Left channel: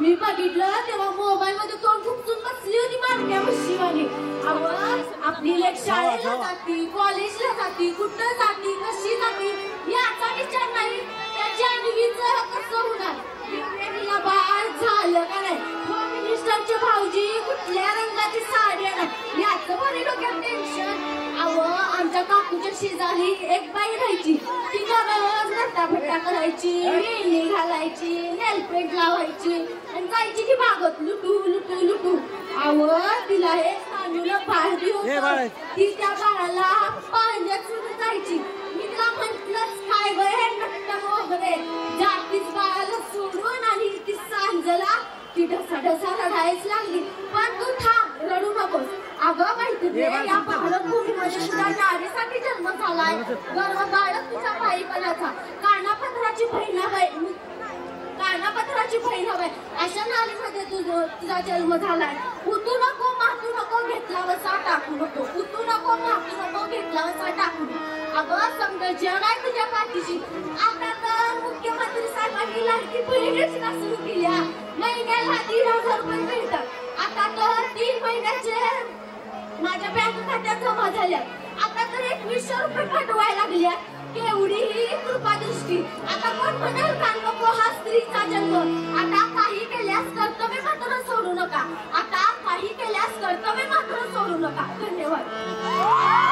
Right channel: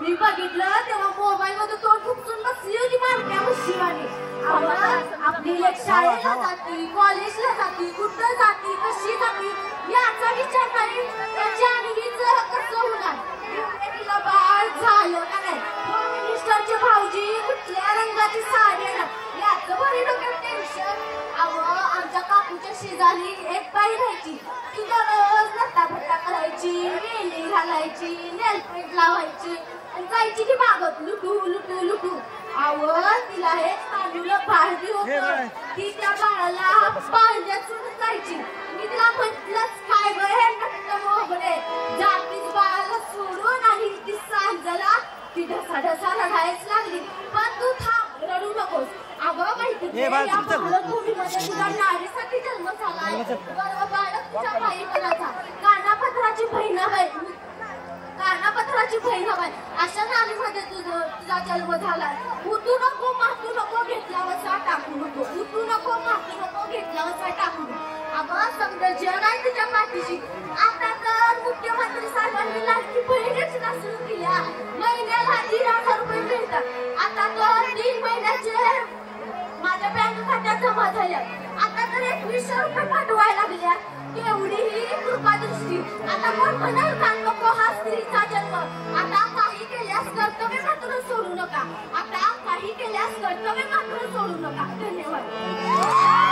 मी बघितलं तेव्हा मोबाईल मध्ये तोंड फुकून बसली होती मारक्या मुशीवाली. आपली शाळेला जाती, कॉलेजला जाती, कुठं जाती, कशी जाती याचा विचार नाही. जान्हवीचं कसं होणार, तिला बाळ झालं का नाही, होम मिनिस्टरचे भाऊजी कुठल्या रंगाची साडी आणणार याचं बरे डोक्यात टेन्शन. आमच्या काकूच्या शेजारी एक बाई राहायची, ती दररोज नट्टाफट्टा करायची, मेहंदी घालायची, नेलपेंट लावायची आणि जायची की बागत लुटू लुटू लुटू. तिला हे तांदूळ पाळली होत, ती त्या बाळाला पाळण्यात सोडून जायची. मी तिला म्हटलंच काय बरे नट्ट वगैरे जातीच बाळाला सोडून आणि ती सांजला ती ढसा ढसा रडायच लागली. पण तू थांब, रडू नकोस. अगं मैत्रिणी, या भारतभूमीमध्ये तुझ्या नारीसाठी जन्म झालाय, गर्व बाळक तुझ्या बाईपणाचा. कानापत्राची बहीण हवाय, कानापत्राची बहीण हवाय, अशा नारीमध्ये तुझा जन्म झालाय. उतू नको मातू नको, घेतला वसा टाकू नको. उतू नको मातू नको, घेतला वसा टाकू नको. अगं समजा जग आहे तुझ्या पाठीशी. आता तर मुख्यमंत्री साहेबांनी लाडकी बहीण योजना सुरू केल्या, महिन्याला 3,000 रुपये मिळतात. आता तर 3 महिन्याचे माझ्या बँक खात्यात जमा झाल्या. आता तर 2100 रुपये पाठवायला लागल्या. केवढी ही कृपादृष्टी. आता कोण म्हणाल का नको हा स्त्रीचा जन्म. आता काही केल्यास कर्तव्य मात्र सोडू नका. आता काही केल्यास कर्तव्य मात्र सोडू नका. धन्यवाद.